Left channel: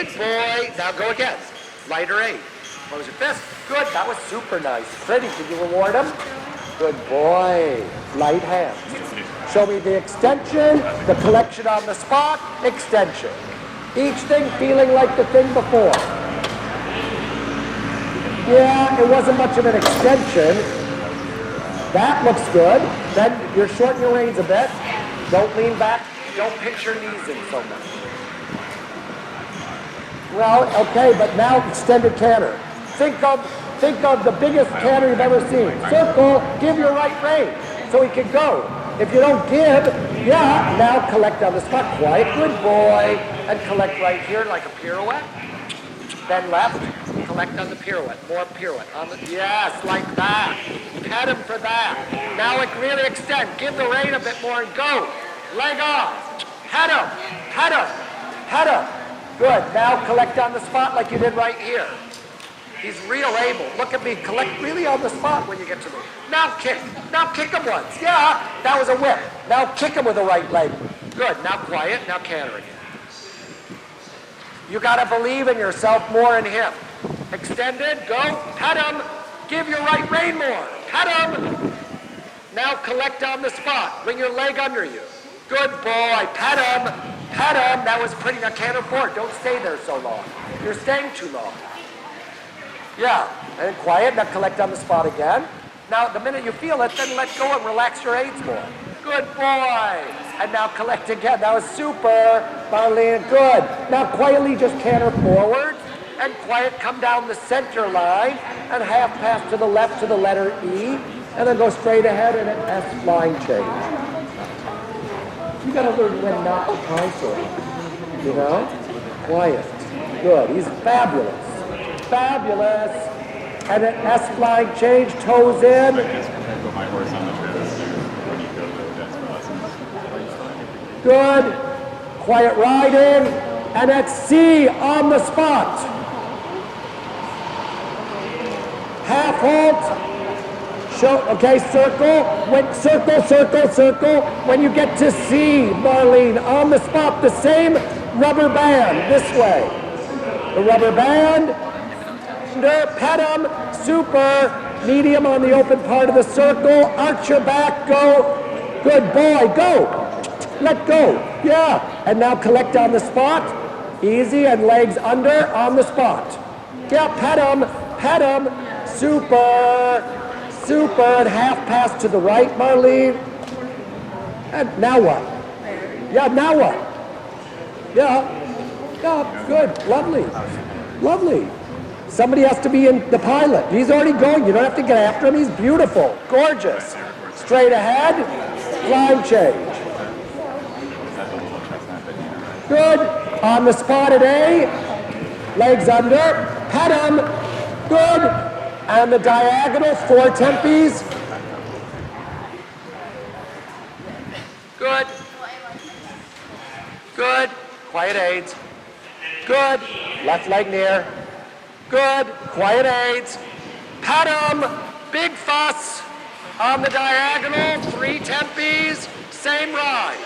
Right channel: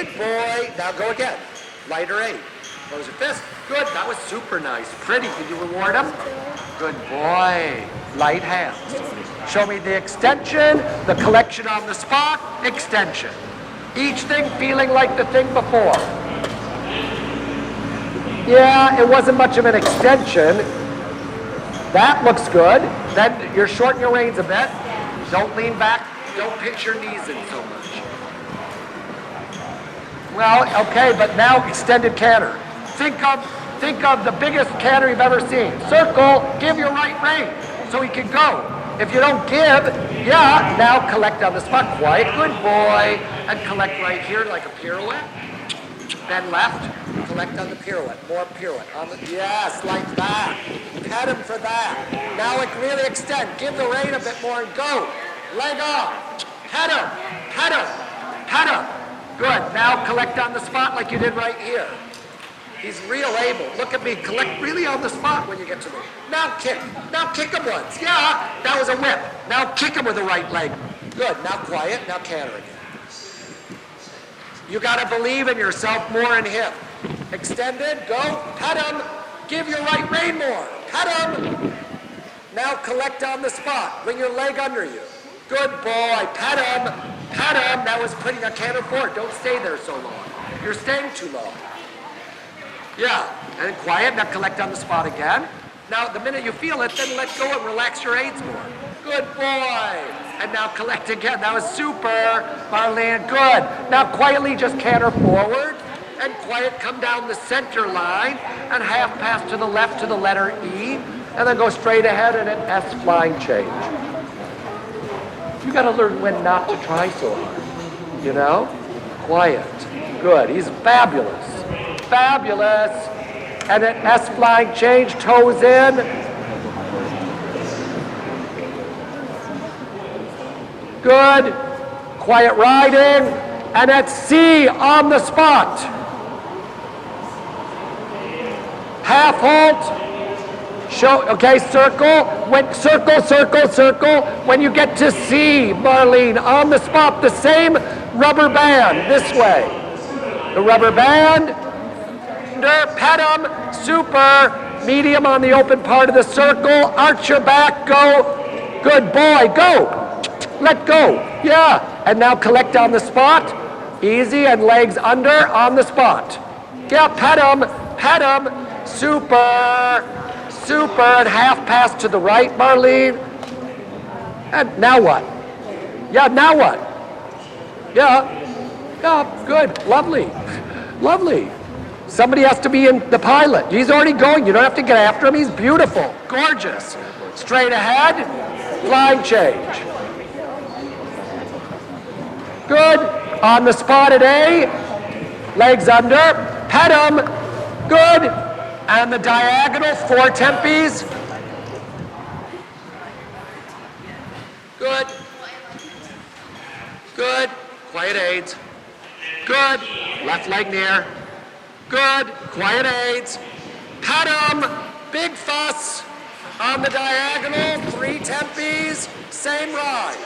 Good boy. Now go again. Lighter 8. Close your fist. Good. That was super nice. Pretty. Did you reward him? Good boy. Light hands. Show me the extension, the collection on the spot, extension. Each thing feeling like the thing before. Yeah, it wasn't much of an extension. That looks good. Then you're shortening your reins a bit. Don't lean back. Don't pinch your knees in so much. Well, okay, but now extended canter. Think of the biggest canter you've ever seen. Circle, give your right rein so he can go. If you don't give, yeah, now collect on the spot. Quiet, good boy. And collect right here like a pirouette. Then left, collect on the pirouette. More pirouette. Yes, like that. Pet him for that. Now it really extend. Give the rein a bit more and go. Leg off. Pet him. Pet him. Pet him. Good. Now collect on the spot like you did right here. He's real able. Look at me. Collect really on the spot when you get to me. Now kick. Now kick him once. Yeah, that was a whip. Now kick him with the right leg. Good. Now quiet. Now canter again. You got to believe in yourself more in him. Extended. Go. Pet him. Give your right rein more. Pet him. Now collect on the spot. Bring your leg under you. Good boy. Pet him. Pet him. That was pretty. Now canter forward. Don't stay there so long. You're staying too long. Yeah, and quiet, now collect on the spot again. Now, the minute you feel it, then let go and relax your aids more. Good boy. And now collect again. That was super, Marlene, good. Now quietly just canter forward, and quiet, come down the center line, and half pass to the left to the letter E, and then go straight ahead and an S flying change. You gotta learn when not to try so hard, you know? Quiet, good, he's fabulous. Fabulous. And an S flying change, toes in. Good. Quiet riding. And at C on the spot. Half halt. Show, okay, circle. Circle. When you get to C, Marlene, on the spot, the same rubber band this way. The rubber band. Pet him, super, medium on the open part of the circle, arch your back, go, good boy, go, let go, yeah, and now collect on the spot, easy, and legs under on the spot, yeah, pet him, super, and half pass to the right, Marlene, and now what, yeah, now what, yeah, good, lovely. Somebody has to be in the pilot. He's already going. You don't have to get after him. He's beautiful, gorgeous. Straight ahead, flying change. Good. On the spot at A, legs under, pet him. Good. And the diagonal, 4 tempies. Good. Good. Quiet aids. Good. Left leg near. Good, quiet aids. Pet him, big fuss. On the diagonal, 3 tempies, same ride.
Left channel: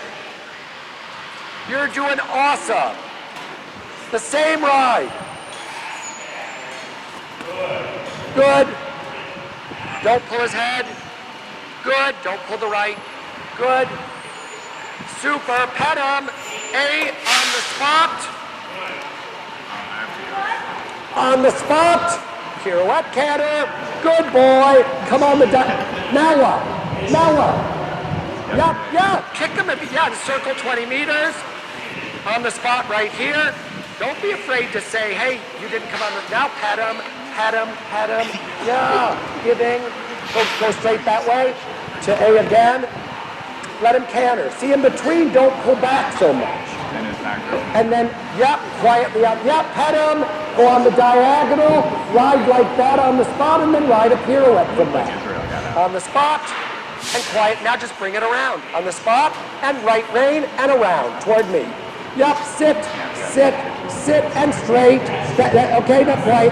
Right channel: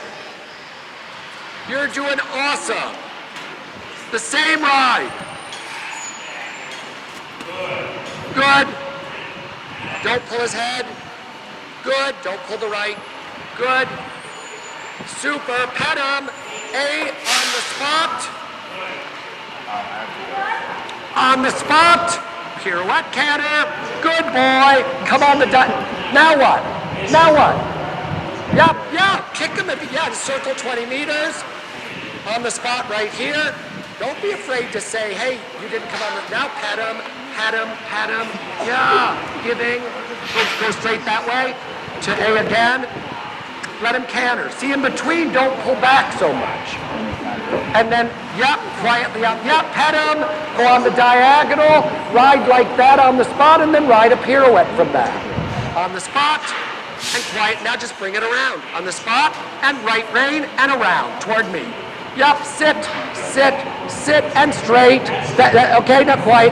You're doing awesome. The same ride. Good. Don't pull his head. Good, don't pull the right. Good. Super, pet him. A on the spot. On the spot, pirouette canter, good boy, come on the now what? Yeah, kick him, circle 20 meters, on the spot right here, don't be afraid to say, hey, you didn't come on now pet him, yeah, giving, go straight that way, to A again, let him canter, see in between, don't pull back so much. And then, quietly up, pet him, go on the diagonal, ride like that on the spot, and then ride a pirouette from that. On the spot, and quiet, now just bring it around. On the spot, and right rein, and around, toward me. Sit, and straight. Okay, now quiet,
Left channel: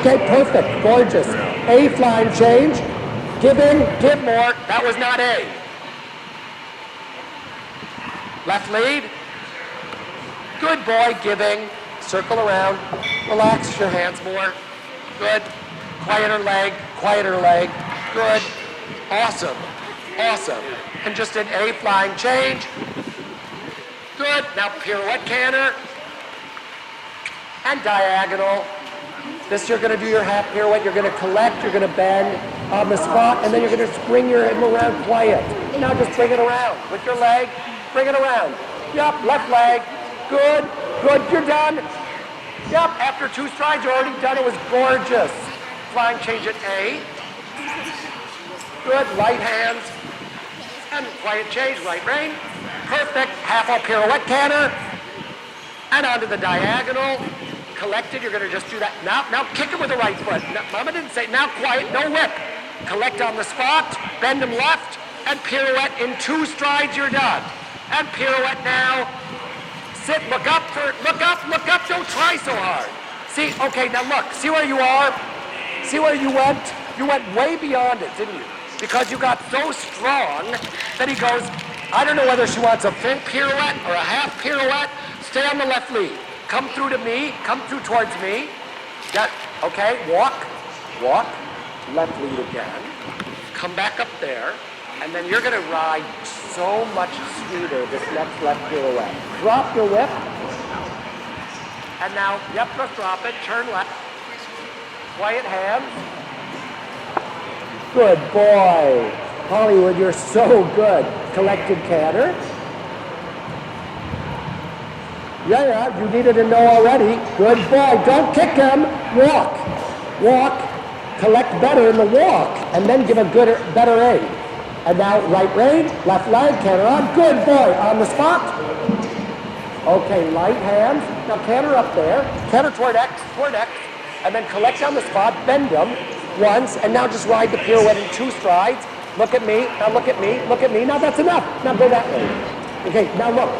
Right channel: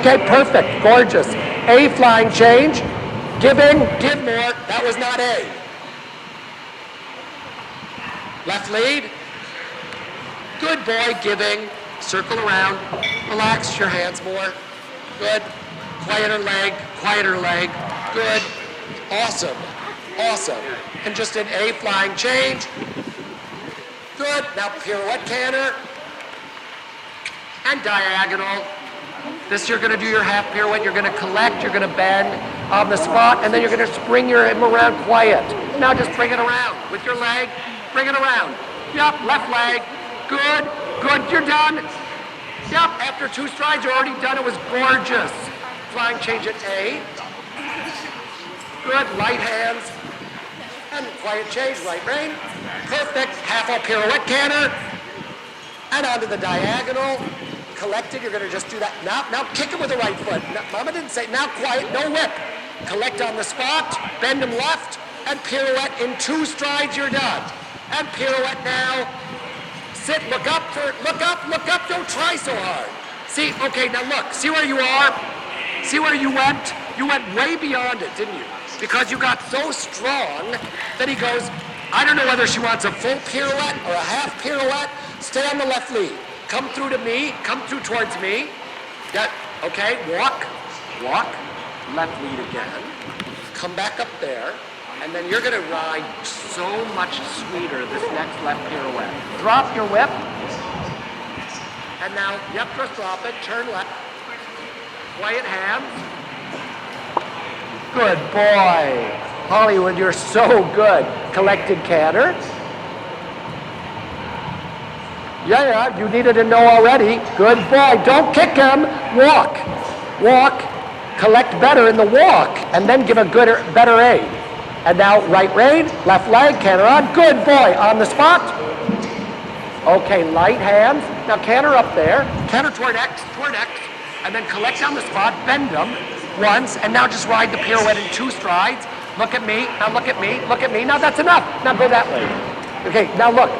okay, perfect, gorgeous. A flying change, give more, that was not A. Left lead. Good boy, giving, circle around, relax your hands more. Good. Quieter leg. Good. Awesome. And just an A flying change. Good. Now pirouette canter. And diagonal. This you're going to do your half pirouette. You're going to collect. You're going to bend on the spot. And then you're going to bring your hip around quiet. Now just bring it around with your leg. Bring it around. Yep. Left leg. Good. You're done. Yep. After 2 strides, you're already done. It was gorgeous. Flying change at A. Good. Light hands. And quiet change. Right rein. Perfect. Half a pirouette canter. And onto the diagonal. Collected, you're going to just do that. Now kick him with the right foot. No, Mama didn't say, now quiet, no whip. Collect on the spot, bend him left, and pirouette in 2 strides, you're done. And pirouette now. Sit, look up, don't try so hard. See, okay, now look, see where you are? See where you went? You went way beyond it, didn't you? Because you got so strong that he goes, I don't know whether she wants a full pirouette or a half pirouette. Stay on the left lead. Come through to me, come through towards me. Okay, walk, left lead again. Come back up there, and then you're gonna ride so much sweeter this next left pirouette. Drop your whip, and now, yep, just drop it, turn left. Quiet hands. Good boy. Hollywood, you're so good. Collected canter. Yeah, you needed to know already. Good boy. Don't kick him. Walk. Collect better in the walk, and then give a better aid. And now right rein, left leg, canter on. Good boy. On the spot. Okay, light hands. Now canter up there. Canter toward X, and then collect on the spot. Bend them once, and now just ride the pirouette in 2 strides. Look at me. Now look at me. Now that's enough. Now go that way. Okay, now look.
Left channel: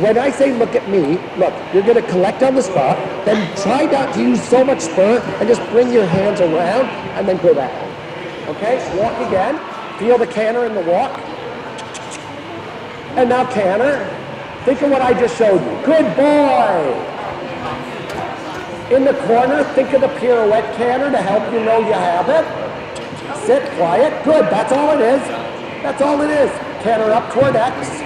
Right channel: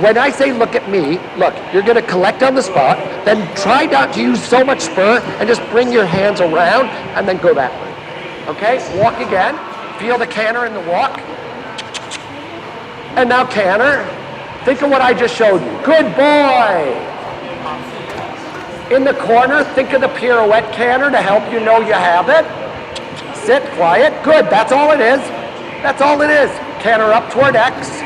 When I say look at me, look, you're going to collect on the spot, then try not to use so much spur, and just bring your hands around, and then go that way. Okay, walk again. Feel the canter in the walk. And now canter. Think of what I just showed you. Good boy. In the corner, think of the pirouette canter to help you know you have it. Sit, quiet. Good, that's all it is. Canter up toward X.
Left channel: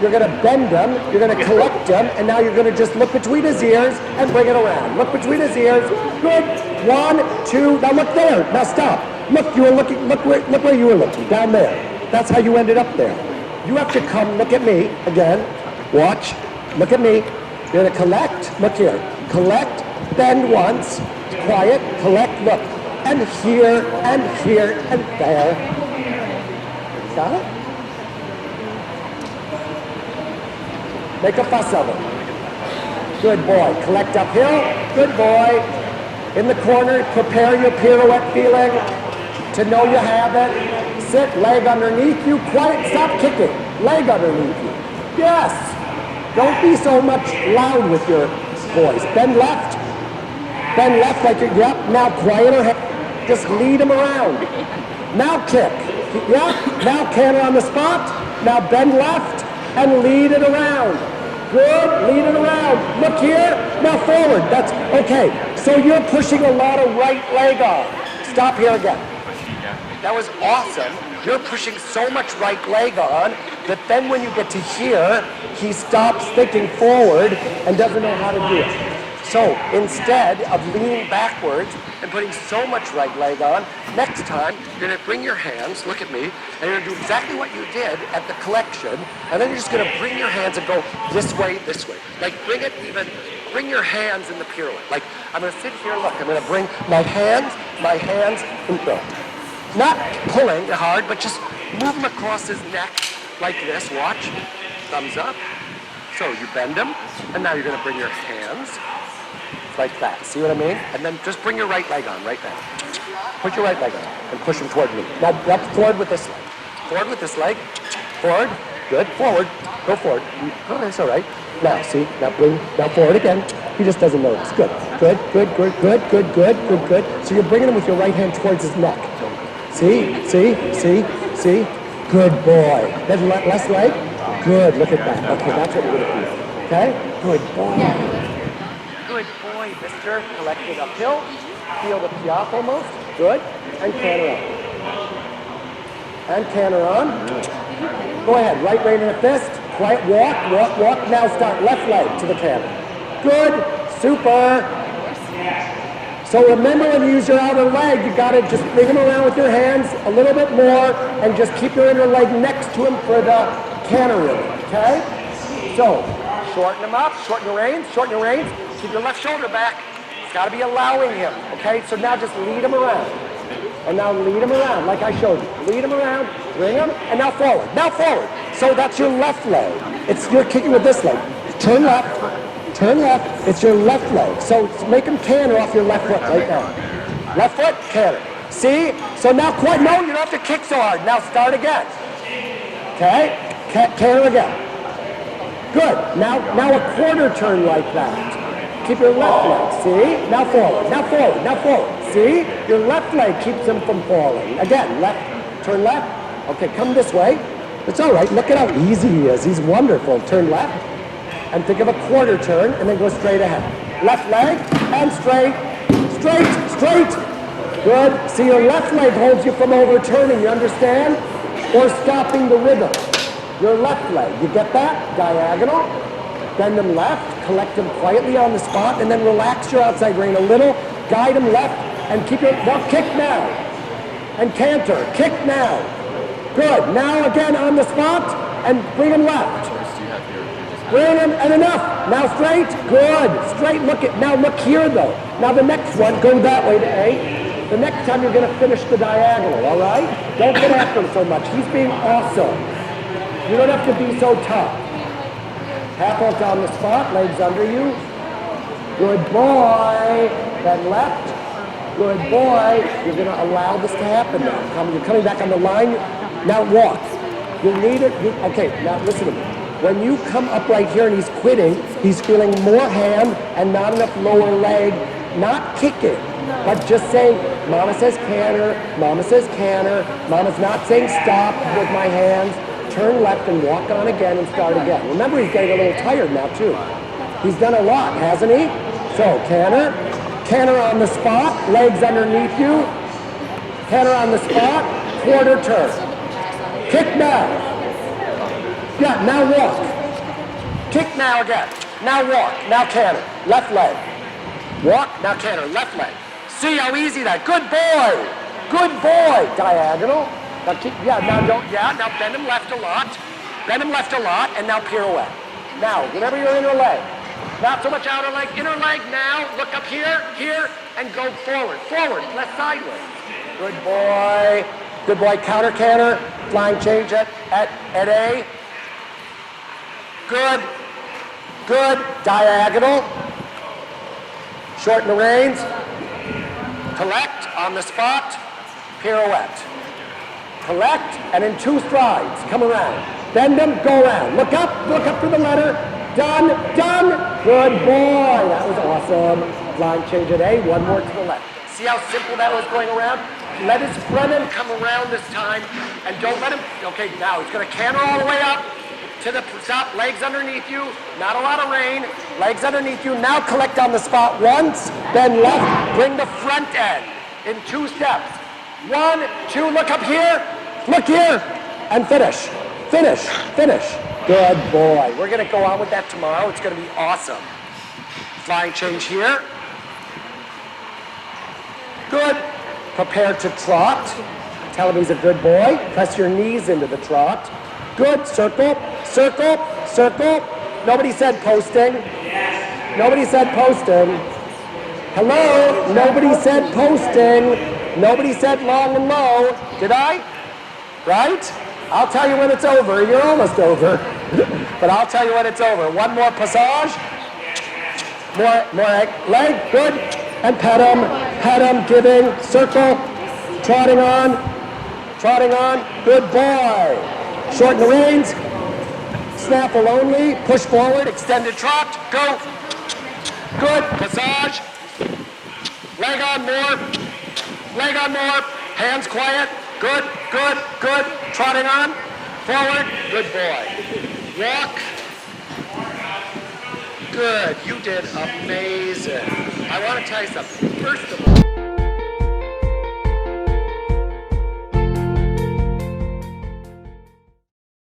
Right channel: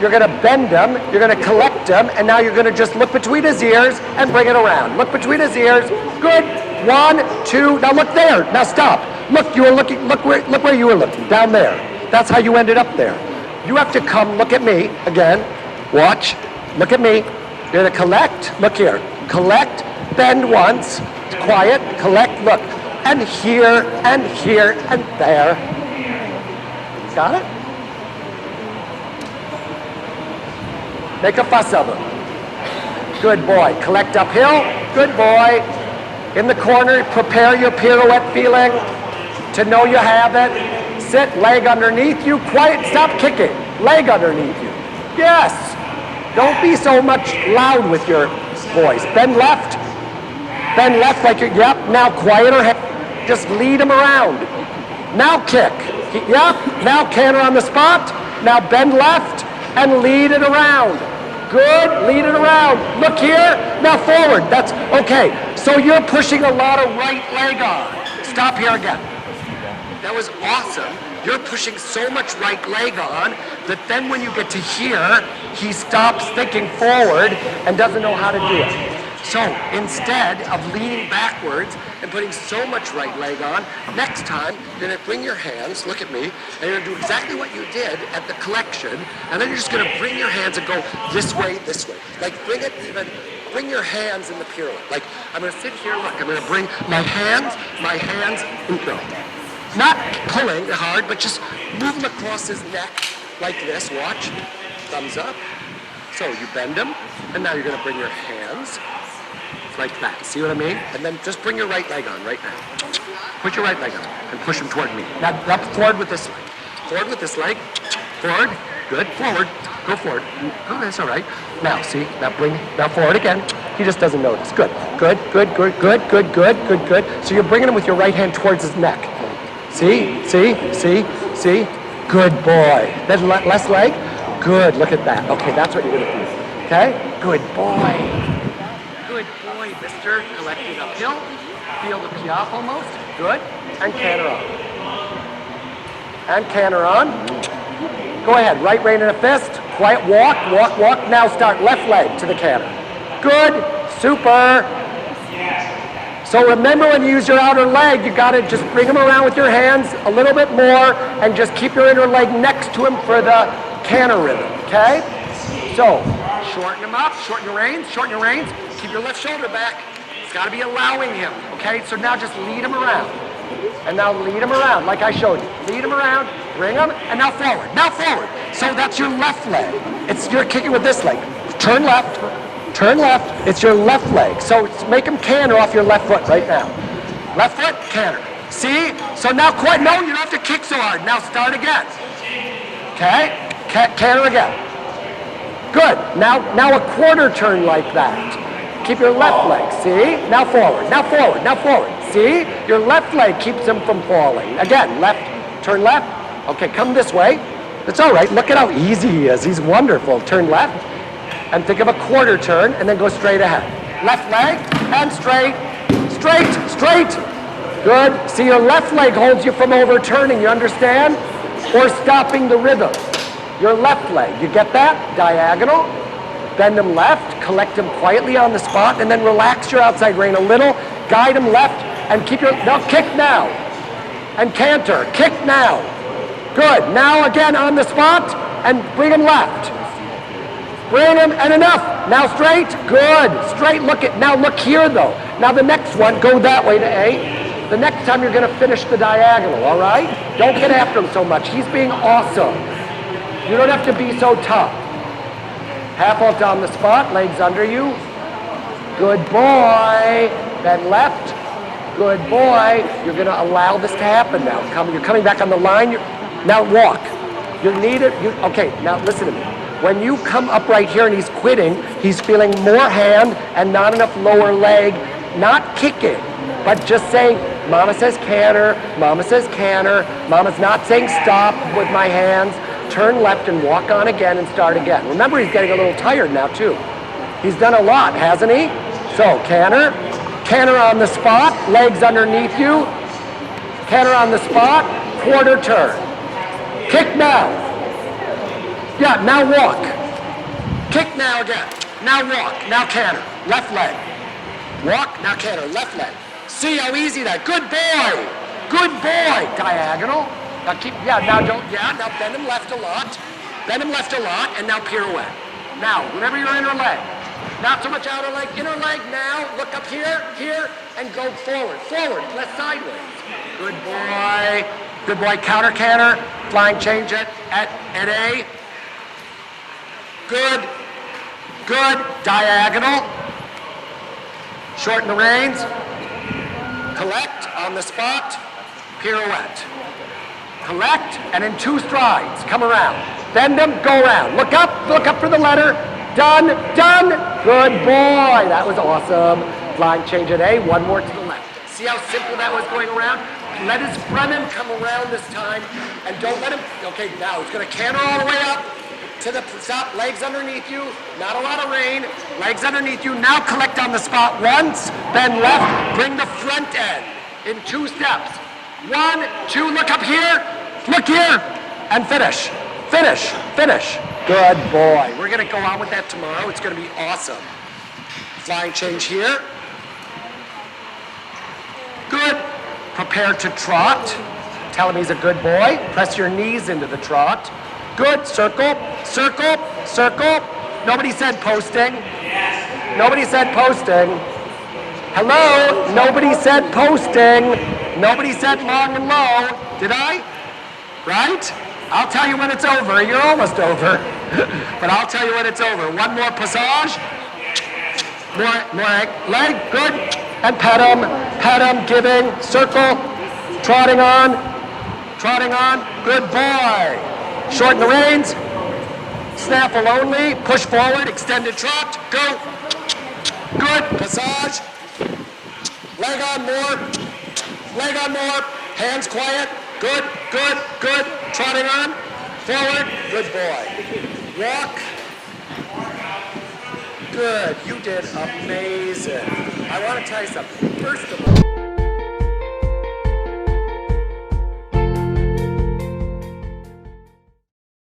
You're going to bend them, you're going to collect them, and now you're going to just look between his ears and bring it around. Look between his ears. Good. 1, 2. Now look there. Now stop. Look, you were looking. Look where you were looking. Down there. That's how you ended up there. You have to come. Look at me again. Watch. Look at me. You're going to collect. Look here. Collect. Bend once. Quiet. Collect. Look. And here and there. Got it? Make a fuss of him. Good boy. Collect uphill. Good boy. In the corner, prepare your pirouette feeling to know you have it. Sit, leg underneath you. Quiet, stop kicking. Leg underneath you. Yes. Don't be so much loud with your voice. Bend left. Bend left like you're, yep. Now quieter head. Just lead him around. Now kick. Yep. Now canter on the spot. Now bend left. And lead it around. Good, lead it around. Look here, now forward. That's okay. So you're pushing a lot of right leg on. Stop here again. That was awesome. You're pushing so much right leg on that then when you get to here, he stops thinking forward and doesn't know how to do it. So instead of leaning backwards and putting so much right leg on, next time you're going to bring your hands, look at me, and you're going to do exactly what you did at the collection, and then you're just going to bring your hands and go this way. Like bring your hands in the pirouette. Like I'm going to sit here, look, I'm going to bring my hands, and go. Not pulling hard, but just move them across his neck like this. Watch. Thumbs up. So you bend them, and now you're going to bring your hands like that. See what I mean? And then just bring your right leg on right now. Put your right leg on and push him toward me. Now forward with this leg. Forward with this leg. Forward. Good. Forward. Go forward. Oh, that's all right. Now, see? Now forward again. He just doesn't notice. Good. Good. So you're bringing him with your right hand towards his neck. See? Good boy. Then left leg. Good. Look at that. Okay, that's what you're going to do. Okay? Good boy. Good boy, mister. Collect it uphill. Feel the piaffe almost. Good. And canter on. And canter on. Go ahead. Right rein in a fist. Quiet walk, walk, walk. Now start left leg to the canter. Good. Super. So remember when you use your outer leg, you got to just bring him around with your hands a little bit more and just keep your inner leg next to him for the canter rhythm, okay? So, shorten him up, shorten your reins, keep your left shoulder back. It's got to be allowing him, okay? So now just lead him around. And now lead him around, like I showed you. Lead him around, bring him, and now forward, now forward. So that's your left leg. You're kicking with this leg. Turn left, it's your left leg. So make him canter off your left foot right now. Left foot, canter. See? So now no, you don't have to kick so hard. Now start again. Okay? Canter again. Good. Now a quarter turn like that. Keep your left leg. See? Now forward, now forward, now forward. See? Your left leg keeps him from falling. Again, left, turn left. Okay, come this way. It's all right. Look at how easy he is. He's wonderful. Turn left. And think of a quarter turn, and then go straight ahead. Left leg, and straight, straight, straight. Good. See, your left leg holds you from overturning, you understand? Or stopping the rhythm. Your left leg, you get that? Diagonal. Bend him left, collect him quietly on the spot, and then relax your outside rein a little. Guide him left, and keep your, now kick now. And canter, kick now. Good. Now again on the spot, and bring him left. Bring him, and enough. Now straight, good. Straight, now look here though. Now the next one, go that way to A. The next time you're gonna finish the diagonal, all right? Don't get after him so much. He's being awesome. You don't have to be so tough. Half off on the spot, legs under you. Good boy. Then left. Good boy. You're gonna allow this to happen now. You're coming back on the line. Now walk. You need it. Okay, now listen to me. When you come up right here and he's quitting, he's feeling more hand and not enough lower leg, not kicking, but just saying, Mama says canter, Mama says canter, Mama's not saying stop with my hands, turn left and walk on again and start again. Remember, he's getting a little tired now too. He's done a lot, hasn't he? So canter, canter on the spot, legs underneath you, canter on the spot, quarter turn. Kick now. Yeah, now walk. Kick now again. Now walk. Now canter. Left leg. Walk. Now canter. Left leg. See how easy that. Good boy. Good boy. Diagonal. Now keep. Yeah. Now don't. Yeah. Now bend him left a lot. Bend him left a lot, and now pirouette. Now, whenever your inner leg. Not so much outer leg. Inner leg now. Look up here. Here, and go forward. Forward. Left sideways. Good boy. Good boy. Counter canter. Flying change at A. Good, good, diagonal, shorten the reins, collect on the spot, pirouette, collect, and in 2 strides, come around, bend them, go around, look up for the letter, done, done, good boy, that was awesome, flying change at A, 1 more to the left. See how simple that was going around? Let his front end come around this time, and don't let him, okay, now he's gonna canter all the way up, to the top, legs underneath you, not a lot of rein, legs underneath you. Now collect on the spot once, then left, bring the front end in 2 steps. 1, 2, look up here, and finish, finish, finish. Good boy. We're gonna go on with that tomorrow. It's gonna be awesome. Flying change here. Good. Prepare to trot. Tell him he's a good boy. Press your knees into the trot. Good, circle, circle, circle. Nobody said posting. Yes. Nobody said posting. Hello? Nobody said posting. Nobody said long and low. Did I? Right? I'll tell you when it's over. You're almost over. But I'll tell you when it's over. 1 more passage. More leg, good. And pet him, giving, circle, trotting on, good boy. Shorten the reins, snaffle only, push forward, extended trot, go. Good, passage. Leg on more, hands quiet, good, good, good. Trotting on, forward, good boy. Walk. Good. You did amazing. I want to tell you something. First of all,